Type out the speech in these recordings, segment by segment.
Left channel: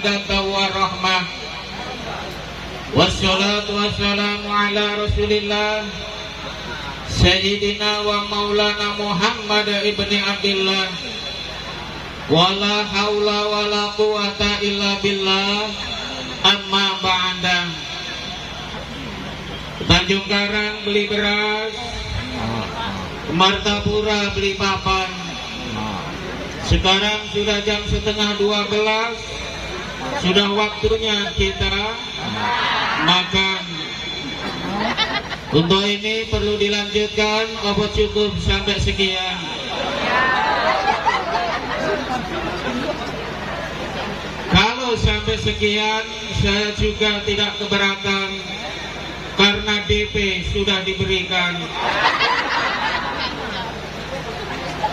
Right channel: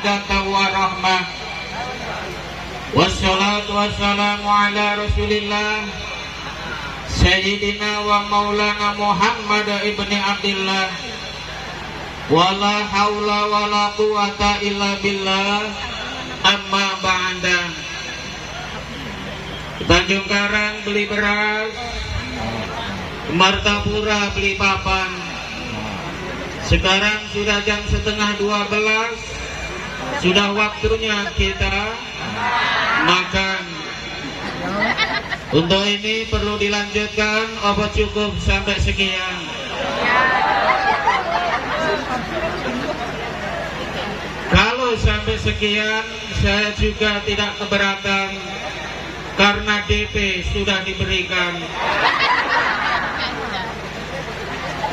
mawaddatan warahmah. Wassalatu wassalamu ala Rasulillah Sayyidina wa Maulana Muhammad ibni Abdillah. Wala haula wala quwata illa billah. Amma ba'da. Tanjung Karang beli beras, Martapura beli papan. Sekarang sudah jam 11:30. Sudah waktunya kita makan. Untuk ini perlu dilanjutkan apa cukup sampai sekian? Kalau sampai sekian saya juga tidak keberatan, karena DP sudah diberikan.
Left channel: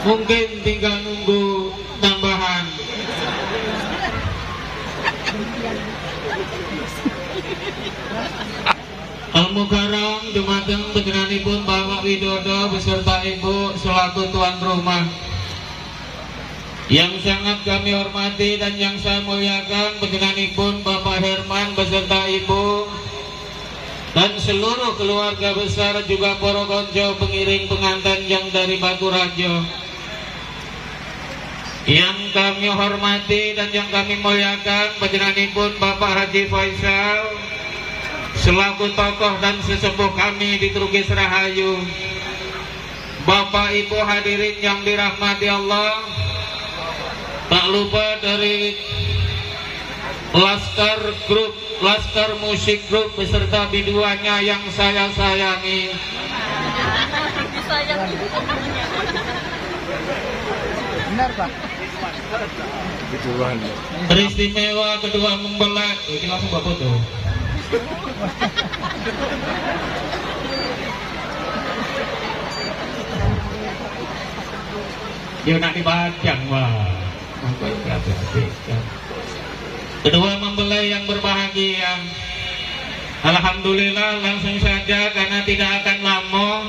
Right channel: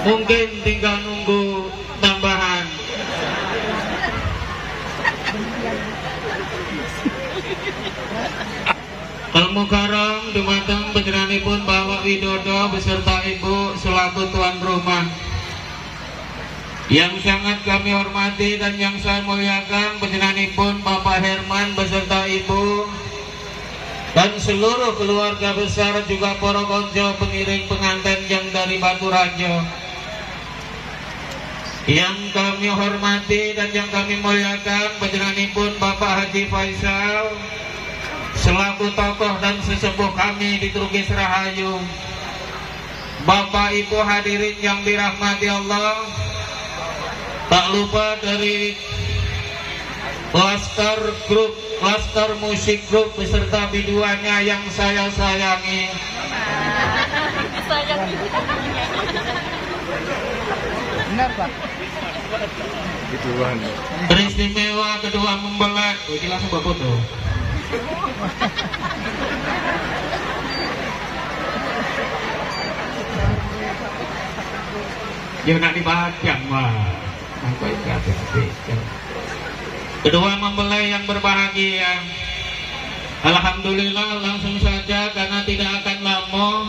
Mungkin tinggal nunggu tambahan. Al-Mukarram dumateng panjenenganipun Bapak Widodo beserta Ibu selaku tuan rumah. Yang sangat kami hormati dan yang saya muliakan panjenenganipun Bapak Herman beserta Ibu dan seluruh keluarga besar, juga para konco pengiring pengantin yang dari Baturajo. Yang kami hormati dan yang kami muliakan panjenenganipun Bapak Haji Faisal selaku tokoh dan sesepuh kami di Trugis Rahayu. Bapak Ibu hadirin yang dirahmati Allah, tak lupa dari Laskar Musik Group beserta biduannya yang saya sayangi. Benar Pak. Biduan. Beristimewa kedua mempelai. Ini langsung Bapak foto. Biar nak dipajang wah. Kedua mempelai yang berbahagia, alhamdulillah langsung saja karena tidak akan lama,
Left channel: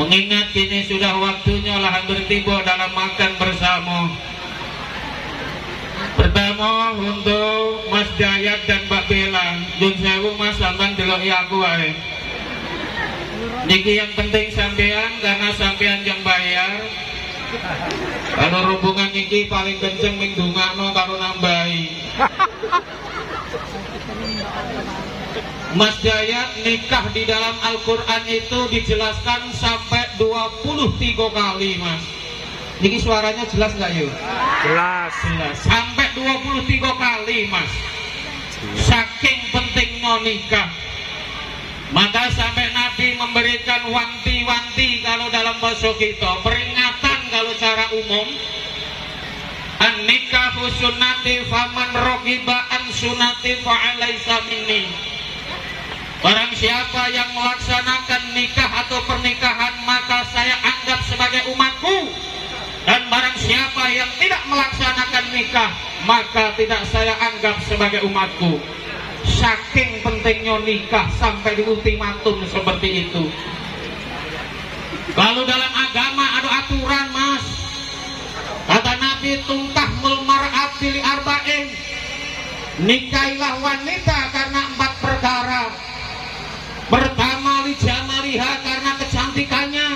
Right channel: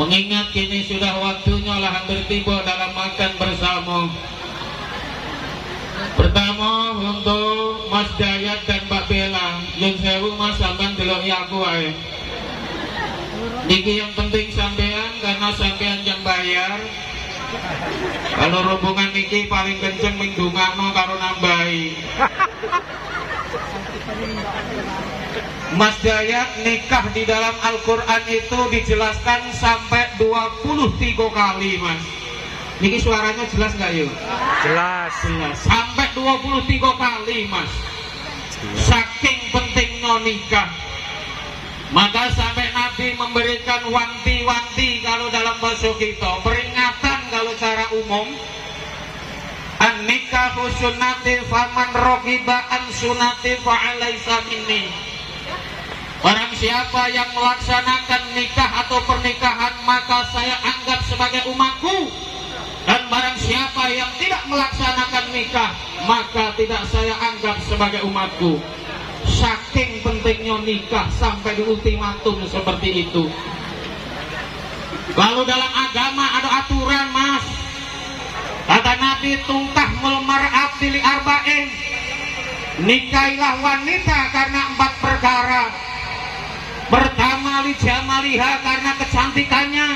mengingat kini sudah waktunya lah hampir tiba dalam makan bersama. Pertama untuk Mas Dayat dan Mbak Bella, Jun sewu Mas sampean deloki aku ae. Niki yang penting sampean karena sampean yang bayar. Kalau rombongan niki paling kenceng mingdungakno karo nambahi. Mas Dayat nikah di dalam Al-Quran itu dijelaskan sampai 23 kali Mas. Niki suaranya jelas nggak yuk? Jelas. Sampai 23 kali Mas. Saking pentingnya nikah. Maka sampai Nabi memberikan wanti-wanti kalau dalam bahasa kita, peringatan kalau secara umum. An-nikahu sunnati faman raqiba an sunnati fa'alaisa minni. Barang siapa yang melaksanakan nikah atau pernikahan maka saya anggap sebagai umatku. Dan barang siapa yang tidak melaksanakan nikah maka tidak saya anggap sebagai umatku. Saking pentingnya nikah sampai di ultimatum seperti itu. Kalau dalam agama ada aturan Mas. Kata Nabi tungkahul mar'ati li arba'in. Nikailah wanita karena 4 perkara. Pertama li jamaliha karena kecantikannya.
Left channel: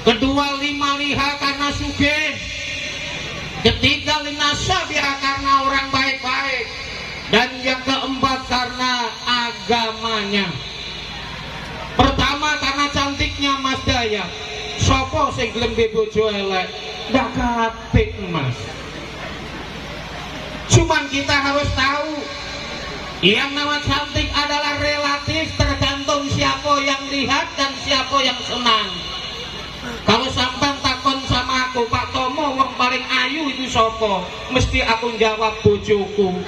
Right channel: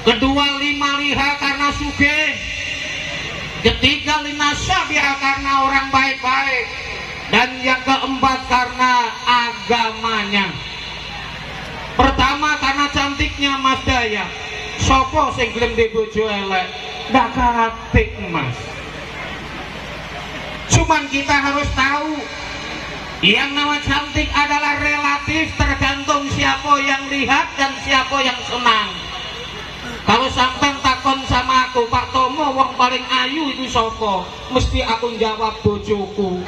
Kedua limaliha karena sugih. Ketiga linasabiha karena orang baik-baik. Dan yang keempat karena agamanya. Pertama karena cantiknya Mas Daya. Sopo sing gelem di bojo elek? Ndak kapik Mas. Cuman kita harus tahu yang nama cantik adalah relatif, tergantung siapa yang lihat dan siapa yang senang. Kalau sampean takon sama aku, Pak Tomo wong paling ayu itu sopo? Mesti aku jawab bojoku.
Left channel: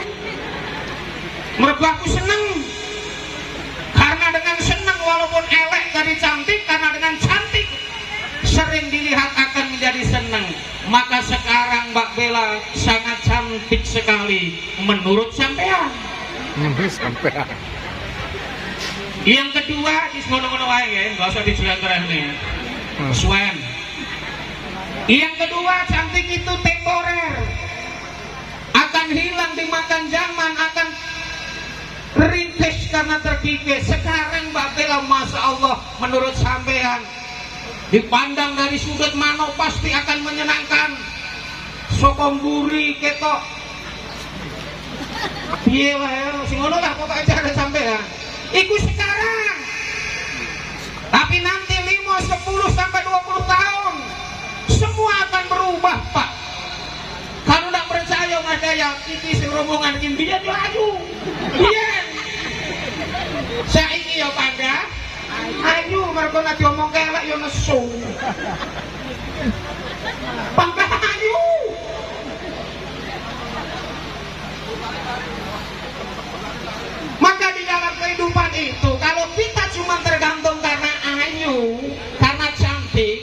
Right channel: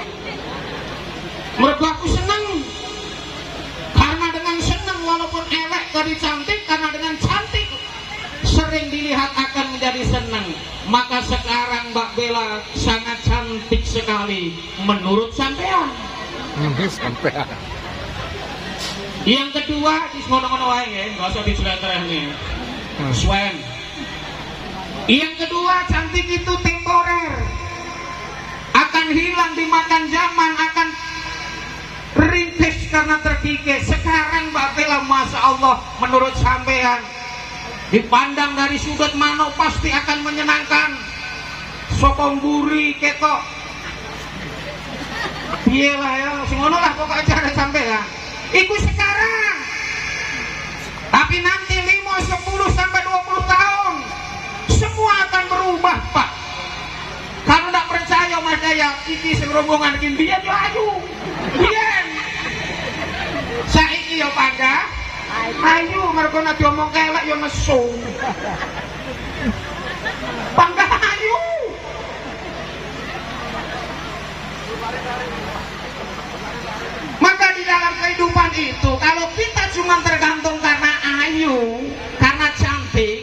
Mergo aku seneng. Karena dengan seneng walaupun elek tapi cantik, karena dengan cantik sering dilihat akan menjadi seneng. Maka sekarang Mbak Bella sangat cantik sekali menurut sampean. Sampean. Yang kedua, ngono-ngono wae ya, enggak usah dijelaskan. Swen. Yang kedua, cantik itu temporer. Akan akan hilang dimakan zaman, akan ringkes karena terkikis. Sekarang Mbak Bella, Masya Allah, menurut sampean dipandang dari sudut mana pasti akan menyenangkan. Sokong guri ketok piye lah ya, sing ngono lah pokoknya cara sampean. Iku sekarang. Tapi nanti 5, 10 sampai 20 tahun semua akan berubah, Pak. Kalau tidak percaya Mas Daya, iki serombongan iki biyen yo ayu. Biyen. Saiki yo Pangga. Ayu mergo nek diomong kelek yo nesu. Pangga ayu. Maka di dalam kehidupan itu, kalau kita cuma tergantung karena ayu, karena cantik,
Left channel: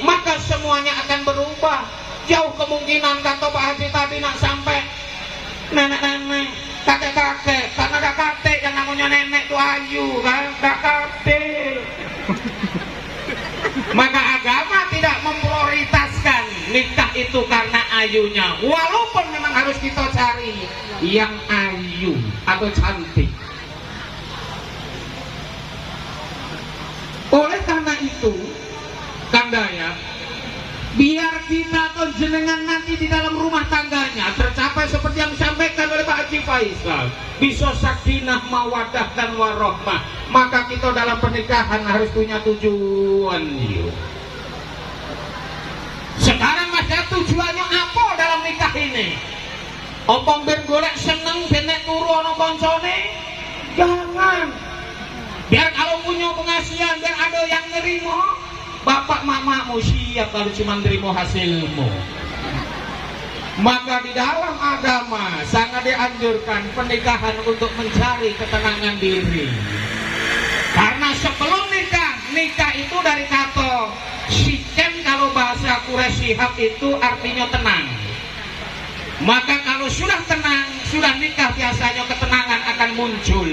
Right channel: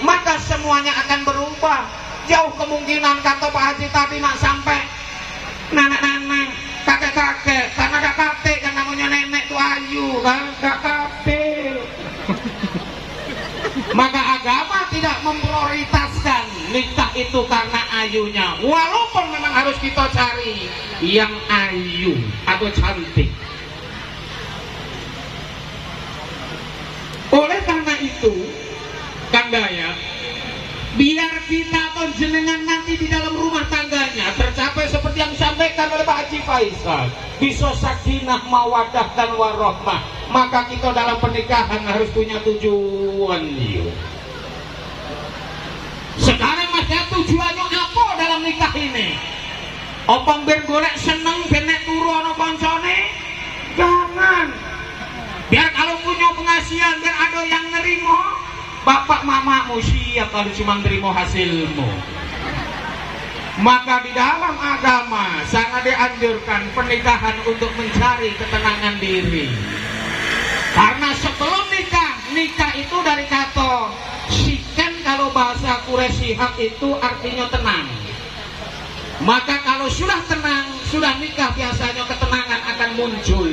maka semuanya akan berubah. Jauh kemungkinan kata Pak Haji tadi nak sampai nenek-nenek, kakek-kakek, karena kakek yang namanya nenek itu ayu kan, kakek. Maka agama tidak memprioritaskan nikah itu karena ayunya, walaupun memang harus kita cari yang ayu atau cantik. Oleh karena itu, Kang Dayat, biar kita atau jenengan nanti di dalam rumah tangganya tercapai seperti yang disampaikan oleh Pak Haji Faisal, bisa sakinah, mawaddah dan warahmah, maka kita dalam pernikahan harus punya tujuan. Sekarang ada tujuannya apa dalam nikah ini? Opong biar golek seneng, benek turu ana koncone? Jangan. Biar kalau punya pengasihan, biar ada yang nerimo, bapak mamamu siap kalau cuma nerimo hasilmu. Maka di dalam agama sangat dianjurkan pernikahan untuk mencari ketenangan diri. Karena sebelum nikah itu dari kata siken, kalau bahasa Quraisy Shihab itu artinya tenang. Maka kalau sudah tenang, sudah nikah, biasanya ketenangan akan muncul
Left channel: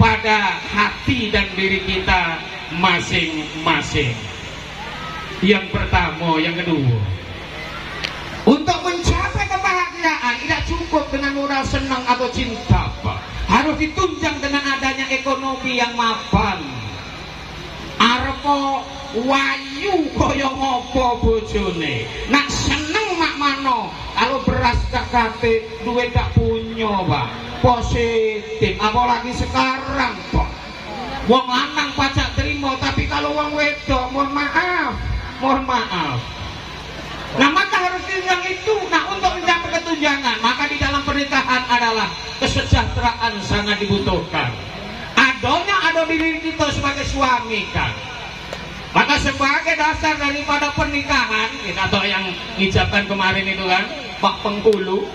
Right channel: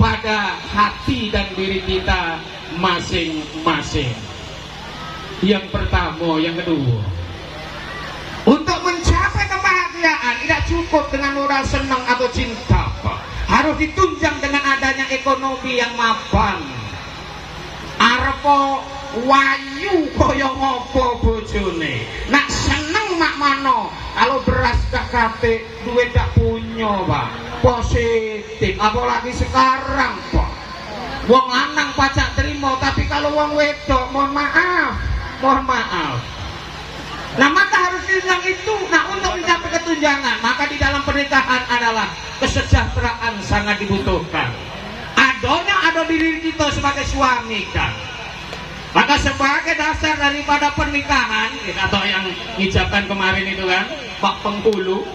pada hati dan diri kita masing-masing. Yang pertama, yang kedua, untuk mencapai kebahagiaan tidak cukup dengan moral senang atau cinta, Pak. Harus ditunjang dengan adanya ekonomi yang mapan. Arepo wayu kaya ngopo bojone, nak seneng mak mano, kalau beras gak kate, duit gak punya, Pak. Positif, apalagi sekarang, Pak. Wong lanang pajak terima, tapi kalau wong wedok, mohon maaf. Nah, maka harus yang itu. Nah, untuk mencapai ketunjangan, maka di dalam pernikahan adalah kesejahteraan sangat dibutuhkan. Adanya ada di diri kita sebagai suami, kan. Maka sebagai dasar daripada pernikahan, atau yang diucapkan kemarin itu kan, Pak Pengkulu,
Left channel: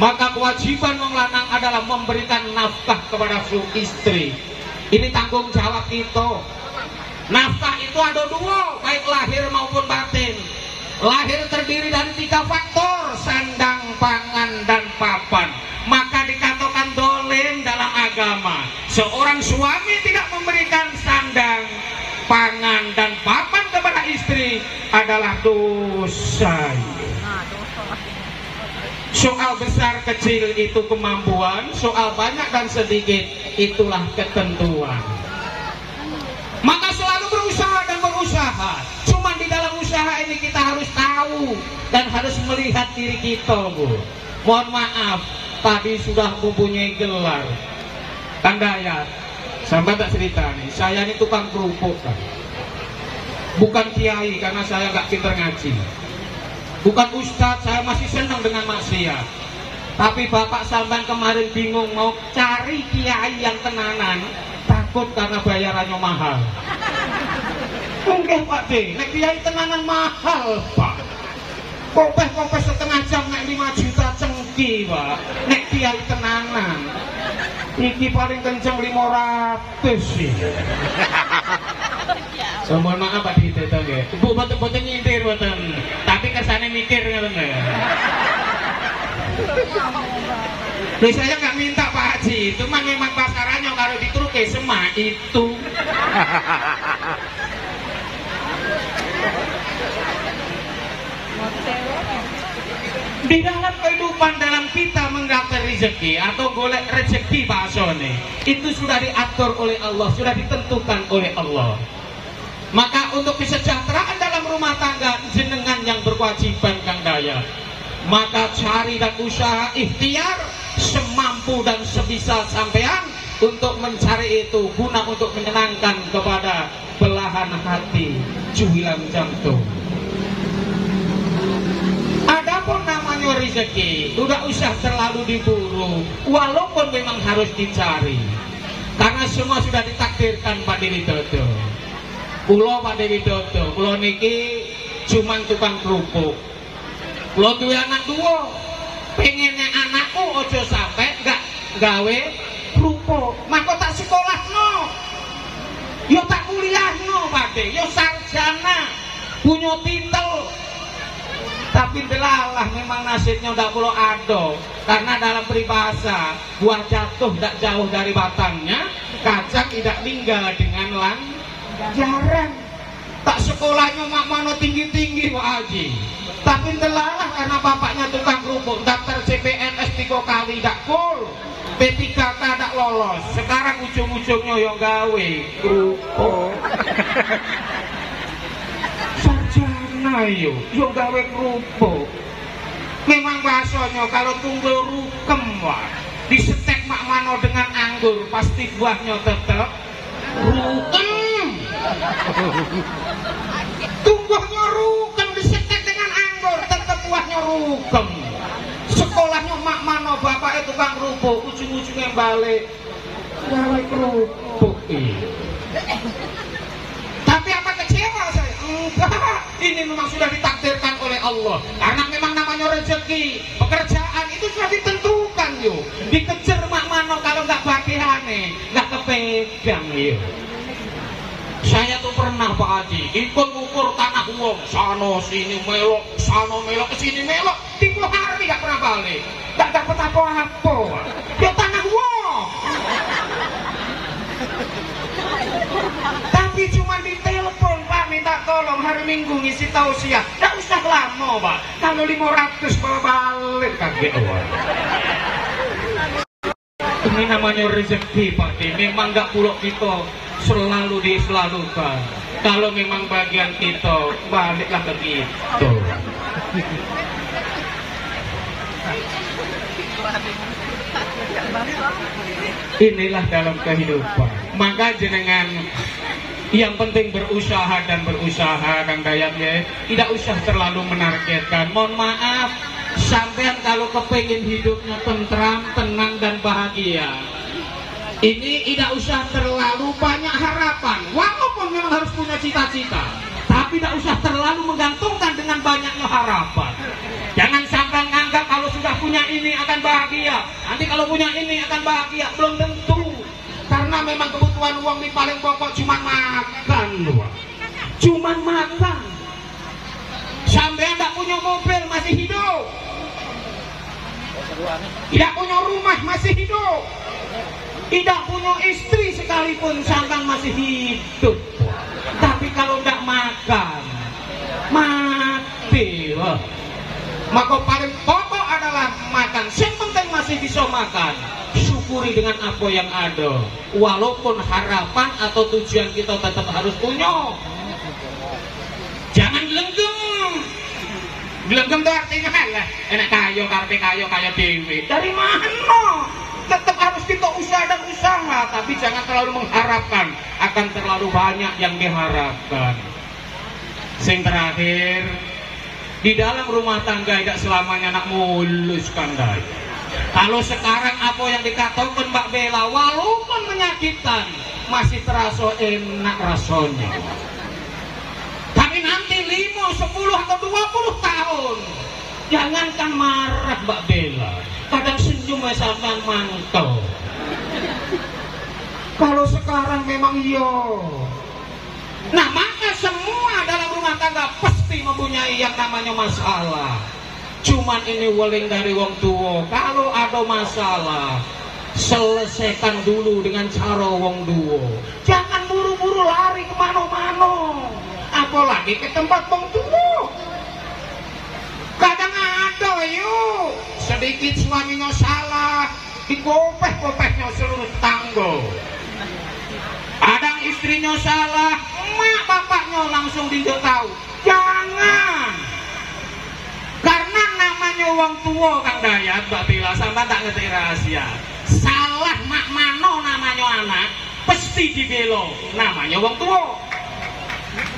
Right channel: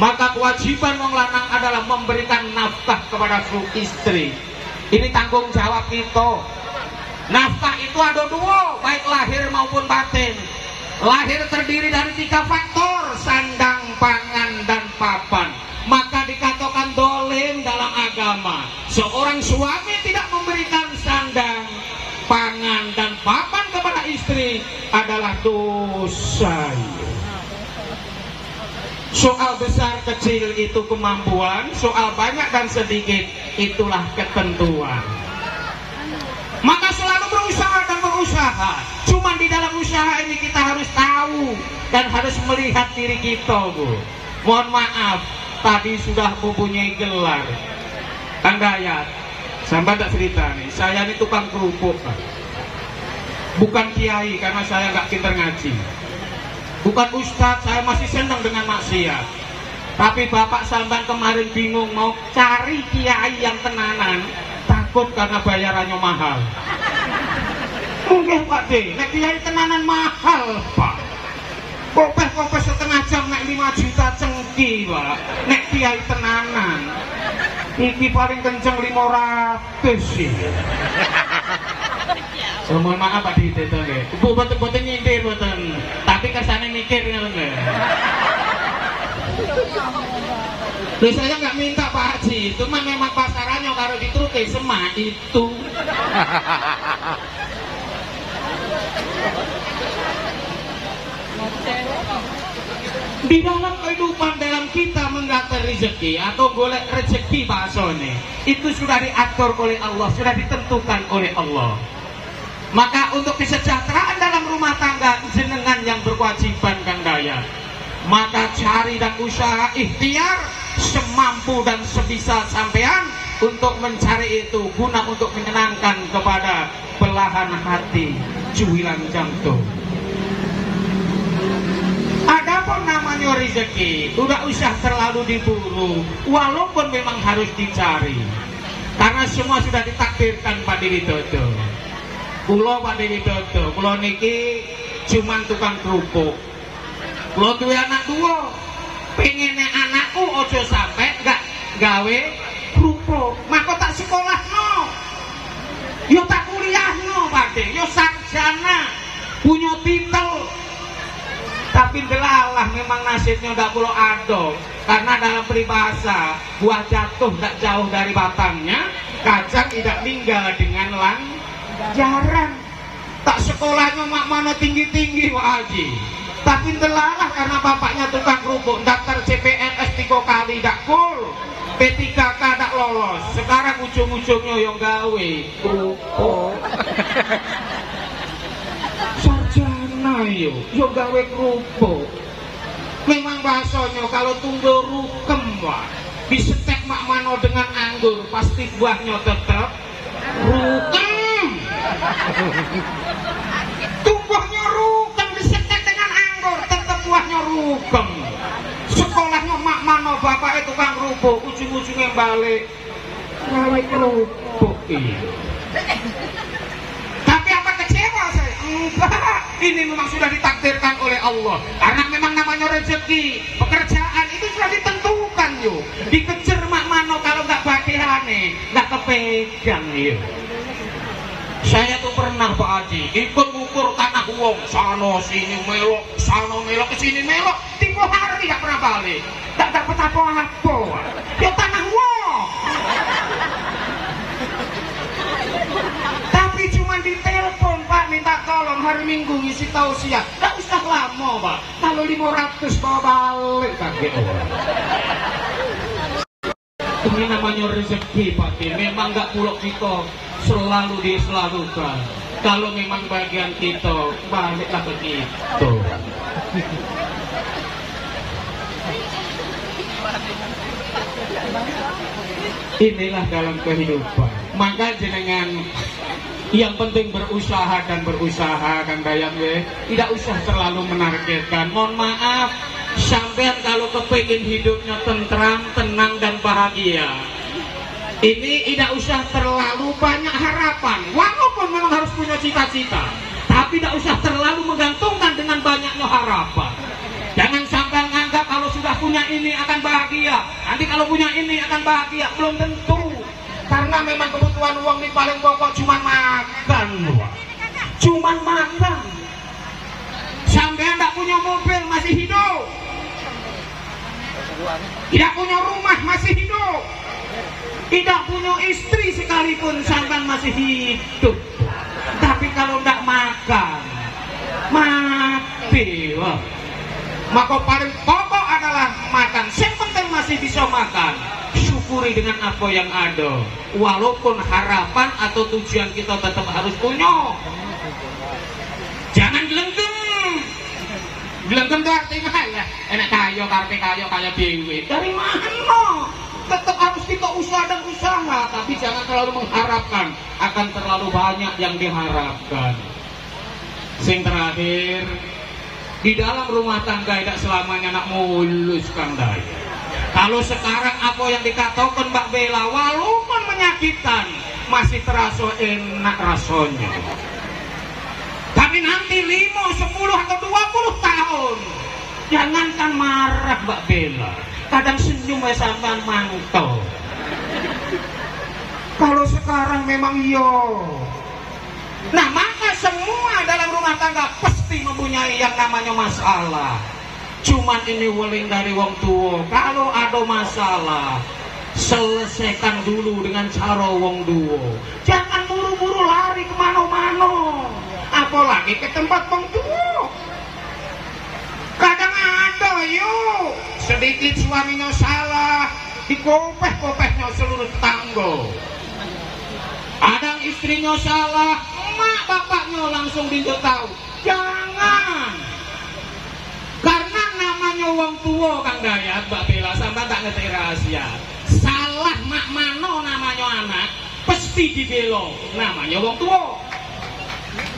maka kewajiban wong lanang adalah memberikan nafkah kepada istri. Ini tanggung jawab kita. Nafkah itu ada dua, baik lahir maupun batin. Lahir terdiri dari 3 faktor, sandang, pangan, dan papan. Maka dikatakan dolim dalam agama. Seorang suami tidak memberikan sandang, pangan, dan papan kepada istri adalah dosa. Soal besar kecil itu kemampuan, soal banyak dan sedikit itulah ketentuan. Maka selalu berusaha dan berusaha. Cuma di dalam usaha ini kita harus tahu dan harus melihat diri kita, Bu. Mohon maaf, tadi sudah mempunyai gelar. Kang Dayat, sampai tak cerita nih, saya ini tukang kerupuk, Pak. Bukan kiai karena saya nggak pintar ngaji. Bukan ustadz, saya masih senang dengan maksiat. Tapi Bapak Samban kemarin bingung mau cari kiai yang tenanan, takut karena bayarannya mahal. Mungkin Pak D, nek kiai tenanan mahal, Pak. Kopes setengah jam nek 5 juta cengki, Pak. Nek kiai tenanan, iki paling kenceng 500 sih. So, mohon maaf Pak D, ibu boten nyindir boten, tapi kesannya mikir ngoten. Loh, saya nggak minta Pak Haji, cuma memang pasarannya kalau ditruke semak itu. Di dalam kehidupan dalam kita menggapai rezeki atau golek rezeki bahasane itu sudah diatur oleh Allah, sudah ditentukan oleh Allah. Maka untuk kesejahteraan dalam rumah tangga jenengan yang berkewajiban Kang Dayat. Maka cari dan usaha ikhtiar semampu dan sebisa sampean untuk mencari itu guna untuk menyenangkan kepada belahan hati cuilan jantung. Adapun namanya rezeki, tidak usah terlalu diburu, walaupun memang harus dicari, karena semua sudah ditakdirkan Pak Dewi Dodo. Kulo Pak Dewi Dodo, kulo niki cuman tukang kerupuk. Kulo duwe anak dua, pengennya anakku ojo sampai gak gawe kerupuk, maka tak sekolah no, yo tak kuliah no Pak De, yo sarjana, punya titel. Tapi belalah memang nasibnya tidak perlu ada, karena dalam peribahasa buah jatuh tidak jauh dari batangnya, kacang tidak tinggal dengan jarang. Tak sekolahnya mak mana tinggi-tinggi Pak Haji, tapi belalah karena bapaknya tukang kerupuk, daftar CPNS 3 kali tidak full, P3K tidak lolos, sekarang ujung-ujungnya yang gawe kerupuk. Sarjana yo gawe kerupuk. Memang bahasanya kalau tunggul rukem wah, disetek mak mano dengan anggur pasti buahnya tetap rukem. Tunggulnya rukem disetek dengan anggur tetap buahnya rukem. Sekolahnya mak mano bapak itu tukang kerupuk, ujung-ujungnya balik gawe kerupuk. Tapi apa kecewa saya? Enggak, ini memang sudah ditakdirkan oleh Allah. Karena memang namanya rezeki, pekerjaan itu sudah ditentukan yo. Dikejar mak mano kalau nggak bagihane, nggak kepegang yo. Saya tuh pernah Pak Haji ikut ngukur tanah wong, sana sini melok, sana melok, kesini melok, 3 hari nggak pernah balik, nggak dapat apa-apa. Ya tanah wong. Tapi cuma ditelepon Pak minta tolong hari Minggu ngisi tausiah, tidak usah lama Pak, kalau 500 bawa balik kaget. Ini namanya rezeki Pak D. Memang nggak pulok kita selalu diselalukan. Kalau memang bagian kita baliklah ke kita. Inilah dalam kehidupan. Maka jenengan yang penting berusaha dan berusaha Kang Dayat ya. Tidak usah terlalu menargetkan. Mohon maaf, sampean kalau kepingin hidupnya tentram, tenang dan bahagia, ini tidak usah terlalu banyak harapan. Walaupun memang harus punya cita-cita, tapi tidak usah terlalu menggantungkan dengan banyaknya harapan. Jangan sampai menganggap kalau sudah punya ini akan bahagia, nanti kalau punya ini akan bahagia. Belum tentu. Karena memang kebutuhan uang ini paling pokok cuma makan doang. Cuma makan. Sampai tidak punya mobil masih hidup, tidak punya rumah masih hidup, tidak punya istri sekalipun sampai masih hidup. Tapi kalau tidak makan, mati. Maka paling pokok adalah makan. Yang penting masih bisa makan, syukuri dengan apa yang ada. Walaupun harapan atau tujuan kita tetap harus punya. Jangan gelenggeng. Gelenggeng itu artinya ya enak kaya, kaya dewi. Dari mana? Tetap harus kita usaha dan usaha, tapi jangan terlalu mengharapkan akan terlalu banyak yang diharapkan. Yang terakhir, di dalam rumah tangga tidak selamanya nak mulus Kang Dayat. Kalau sekarang apa yang dikatakan Mbak Bella walaupun menyakitkan masih terasa enak rasanya. Tapi nanti 5, 10 atau 20 tahun jangankan marah Mbak Bella, kadang senyum sampean mantau. Kalau sekarang memang iya. Nah maka semua dalam rumah tangga pasti mempunyai yang namanya masalah. Cuman ini wuling dari wong tua. Kalau ada masalah, selesaikan dulu dengan cara wong tua. Jangan buru-buru lari kemana-mana, apalagi ke tempat wong tua. Kadang ada yuk sedikit suaminya salah, dikopeh-kopehnya seluruh tetangga. Kadang istrinya salah, emak bapaknya langsung tahu. Jangan. Karena namanya wong tua Kang Dayat, Mbak Bella, sampai tak ngerti rahasia. Salah mak mano namanya anak, pasti dibelo namanya wong tua.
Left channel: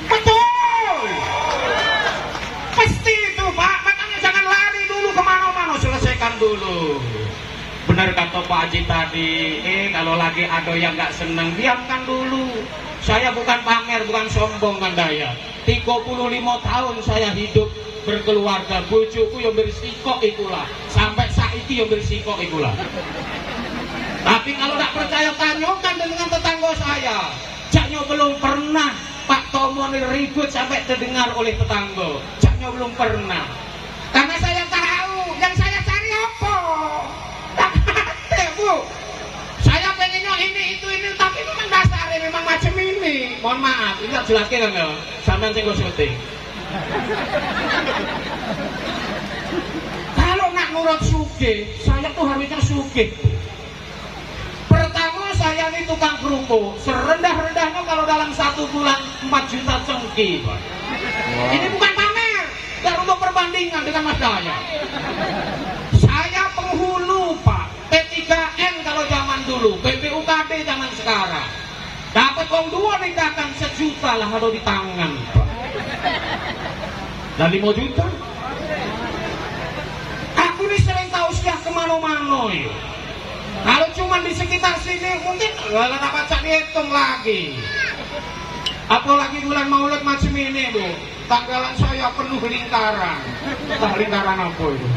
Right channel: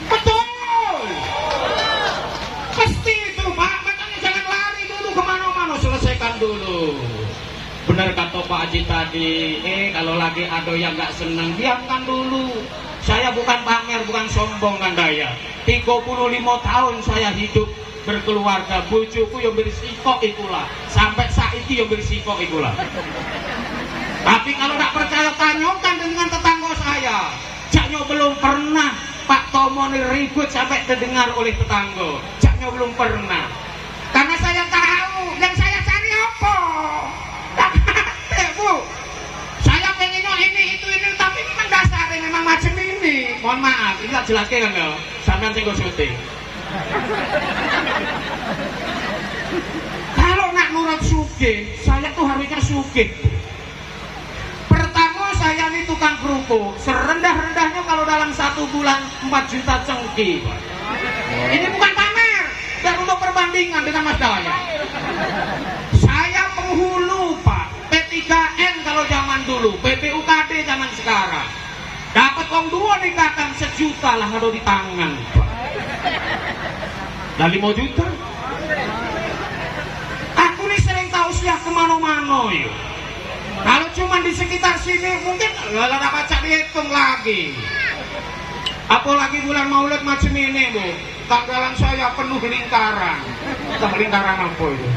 Betul. Pasti itu Pak, makanya jangan lari dulu kemana-mana, selesaikan dulu. Benar kata Pak Haji tadi, kalau lagi ada yang nggak senang, biarkan dulu. Saya bukan pamer, bukan sombong Kang Dayat. 35 tahun saya hidup berkeluarga, bojoku yang bersikok ikulah, sampai saiki yang bersikok ikulah. Tapi kalau nggak percaya, tanyakan dengan tetangga saya. Jaknya belum pernah Pak Tomo ribut sampai terdengar oleh tetangga. Jaknya belum pernah. Karena saya tahu yang saya cari apa. Bu, saya pengennya ini itu ini, tapi memang dasarnya memang macam ini. Mohon maaf, ini tak jelaskan enggak? Sampai nanti gue syuting. Kalau nggak nurut sugih, saya tuh harusnya sugih. Pertama saya ini tukang kerupuk, serendah-rendahnya kalau dalam 1 bulan 4 juta cengki, Pak. Ini bukan pamer, dan untuk perbandingan dengan Mas Dayat. Saya penghulu, Pak. P3N kalau zaman dulu, PPUKD zaman sekarang. Dapat uang 2 nikahkan 1 juta lah ada di tangan, Pak. Dan 5 juta. Aku ini sering tahu siah kemana-mana ya. Kalau cuma di sekitar sini mungkin nggak dapat cak dihitung lagi. Apalagi bulan Maulid macam ini, Bu. Tanggalan saya penuh lingkaran. Entah lingkaran apa itu.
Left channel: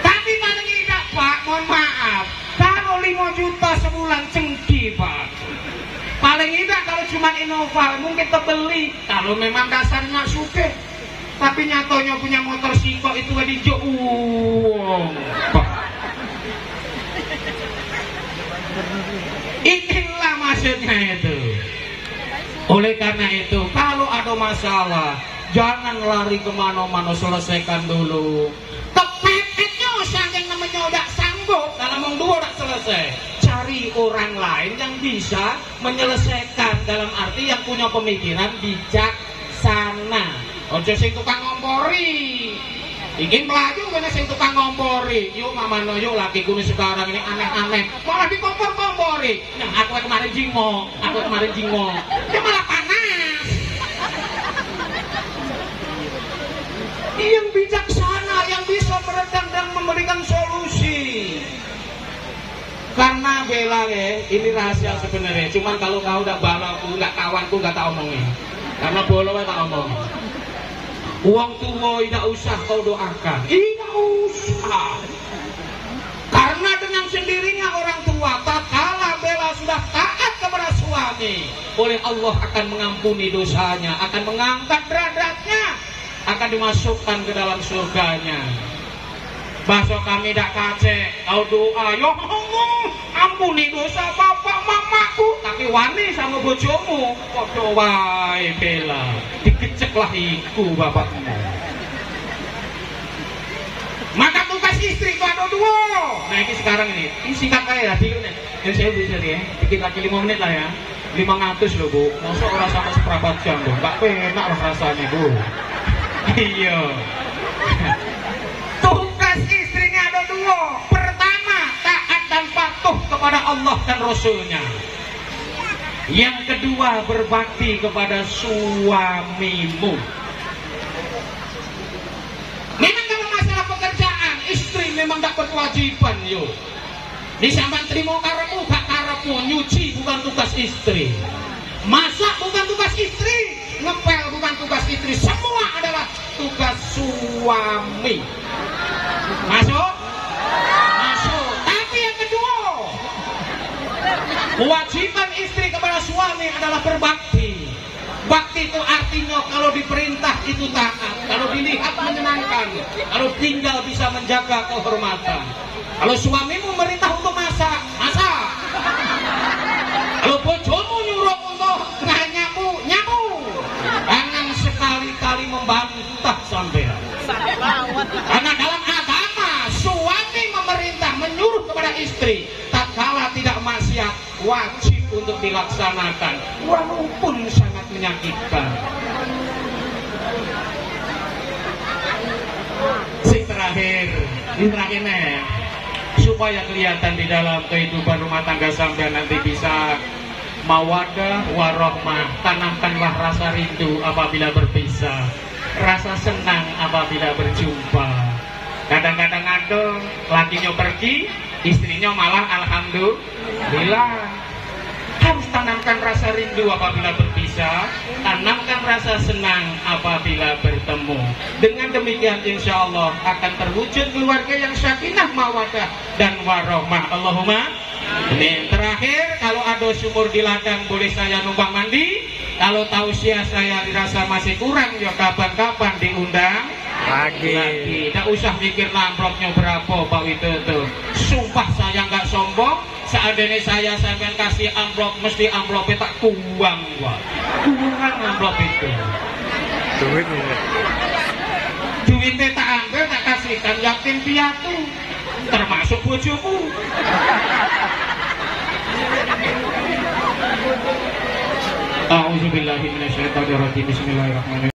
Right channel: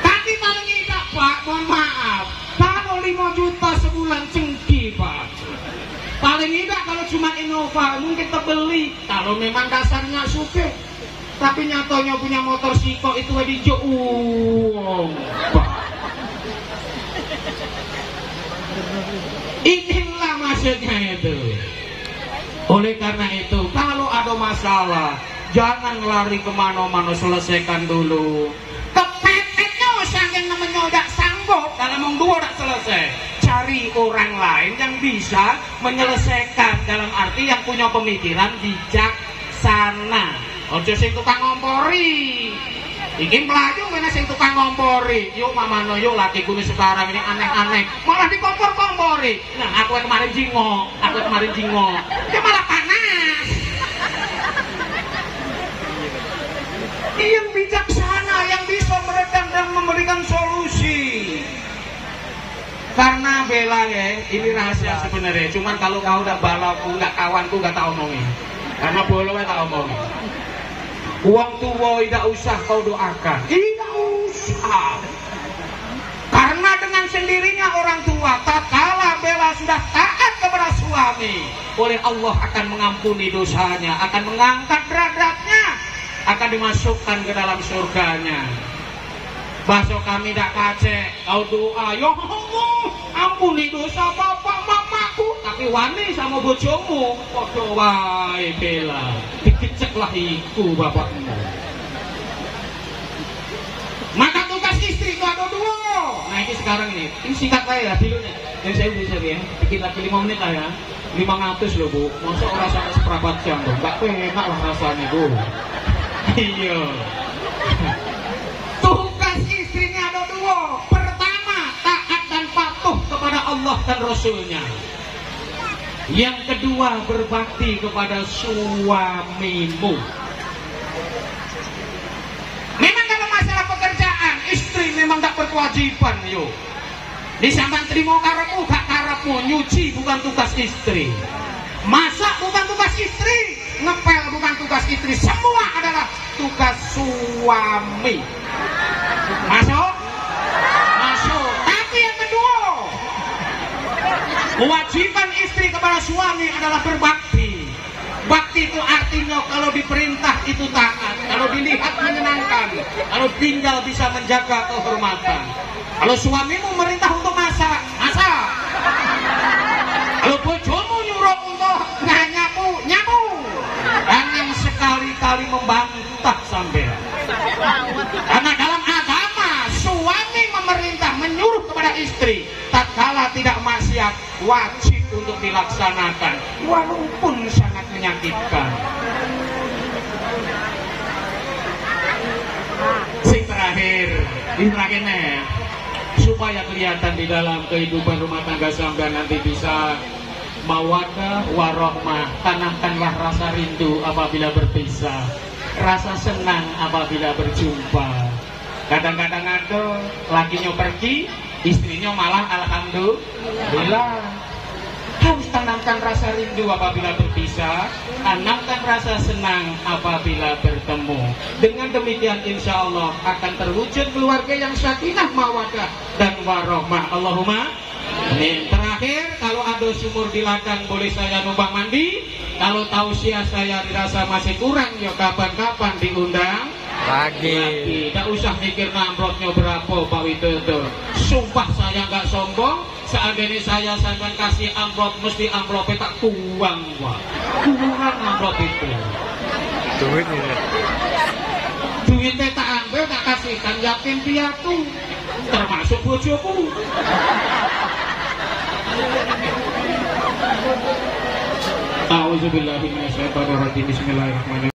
Tapi kalau tidak, Pak, mohon maaf. Kalau 5 juta sebulan cengki, Pak. Paling tidak kalau cuma Innova mungkin terbeli. Kalau memang dasarnya suke. Tapi nyatonya punya motor siko itu di uang, Pak. Inilah maksudnya itu. Oleh karena itu, kalau ada masalah, jangan lari kemana-mana, selesaikan dulu. Kepepetnya saking namanya udah sanggup, dalam wong 2 udah selesai. Cari orang lain yang bisa menyelesaikan, dalam arti yang punya pemikiran bijaksana. Ojo sing tukang ngompori. Iki melaju kena sing tukang ngompori. Yuk mamano yuk lakiku ini sekarang ini aneh-aneh. Malah dikompor-kompori. Nah, aku kemarin jingok, dia malah panas. Yang bijaksana, yang bisa meredam dan memberikan solusi. Karena Bella ya, ini rahasia sebenarnya. Cuman kalau kau udah balauku, nggak kawanku, nggak tak omongin. Karena bolongnya tak omongin. Uang tua tidak usah kau doakan. Tidak usah. Karena dengan sendirinya orang tua, tatkala Bella sudah taat kepada suami, oleh Allah akan mengampuni dosanya, akan mengangkat derajatnya, akan dimasukkan ke dalam surganya. Bahasa kami tidak kacek, kau doa, ya Allah, ampuni dosa bapak mamaku. Tapi wani sama bojomu, kok doa Bella, dikeceklah iku bapakmu. Maka tugas istri itu ada 2. Nah ini sekarang ini singkat aja ya, dulu nih. Ini saya bisa ya, kita 5 menit lah ya. 500 loh Bu, masuk orang sama seperempat jam loh, gak enak lah rasanya Bu. Iya. Tugas istrinya ada 2. Pertama, taat dan patuh kepada Allah dan Rasulnya. Yang kedua, berbakti kepada suamimu. Memang kalau masalah pekerjaan, istri memang gak berkewajiban yuk. Disampan terima karepmu, gak karepmu. Nyuci bukan tugas istri, masak bukan tugas istri, ngepel bukan tugas istri. Semua adalah tugas suami. Masuk? Masuk. Tapi yang kedua, kewajiban istri kepada suami adalah berbakti. Bakti itu artinya kalau diperintah itu taat, kalau dilihat menyenangkan, kalau tinggal bisa menjaga kehormatan. Kalau suamimu merintah untuk masak, masak. Kalau bojomu nyuruh untuk nyamu, nyamu. Jangan sekali-kali membantah sampai untuk dilaksanakan, walaupun sangat menyakitkan. Sing terakhir, supaya kelihatan di dalam kehidupan rumah tangga sampai nanti bisa mawadah warohmah, tanamkanlah rasa rindu apabila berpisah, rasa senang apabila berjumpa. Kadang-kadang ada lakinya pergi, istrinya malah alhamdulillah. Harus tanamkan rasa rindu apabila berpisah, tanamkan rasa senang apabila bertemu. Dengan demikian insya Allah akan terwujud keluarga yang sakinah mawadah dan warohmah. Allahumma amin. Terakhir, kalau ada sumur di ladang boleh saya numpang mandi. Kalau tausiah saya dirasa masih kurang, ya kapan-kapan diundang lagi. Tidak usah mikir amplopnya berapa Pak Widodo. Sumpah saya nggak sombong. Seandainya saya sampai kasih amplop, mesti amplopnya tak kuang, Pak. Kurang amplop itu. Duitnya tak ambil, tak kasihkan yatim piatu, termasuk bojoku. A'udzubillahi minasyaitonir rajim. Bismillahirrahmanirrahim.